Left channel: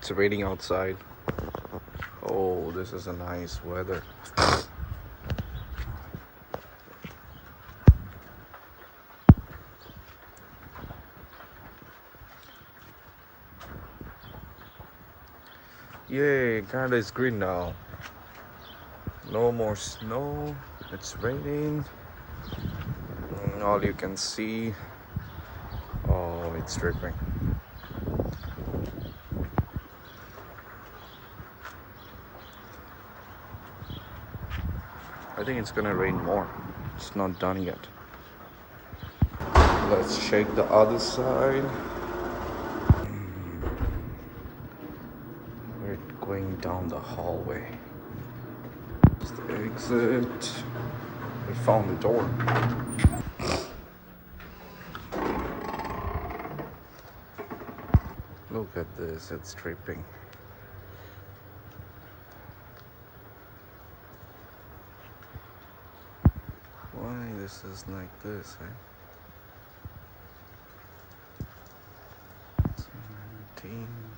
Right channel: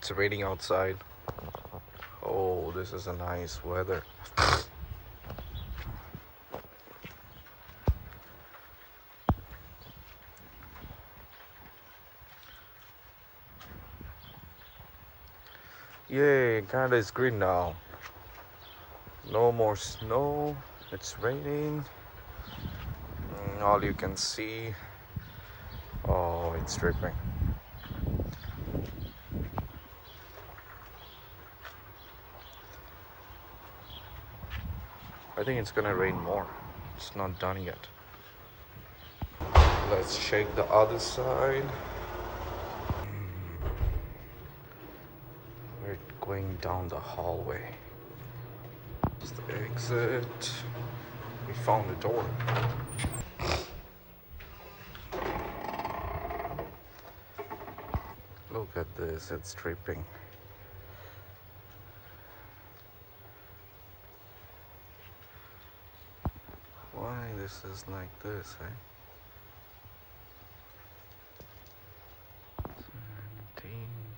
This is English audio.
It's raining outside. Oh, this is a nice weather. Yay, Canada is green now. No more snow. It's raining. All you can see. Oh, it's dripping. I think it's gonna rain more. It's not done yet. Let's check the other side. We're going down the hallway. It's the exit. We found the door. Look at this, it's dripping. Why this is like this, eh? 17.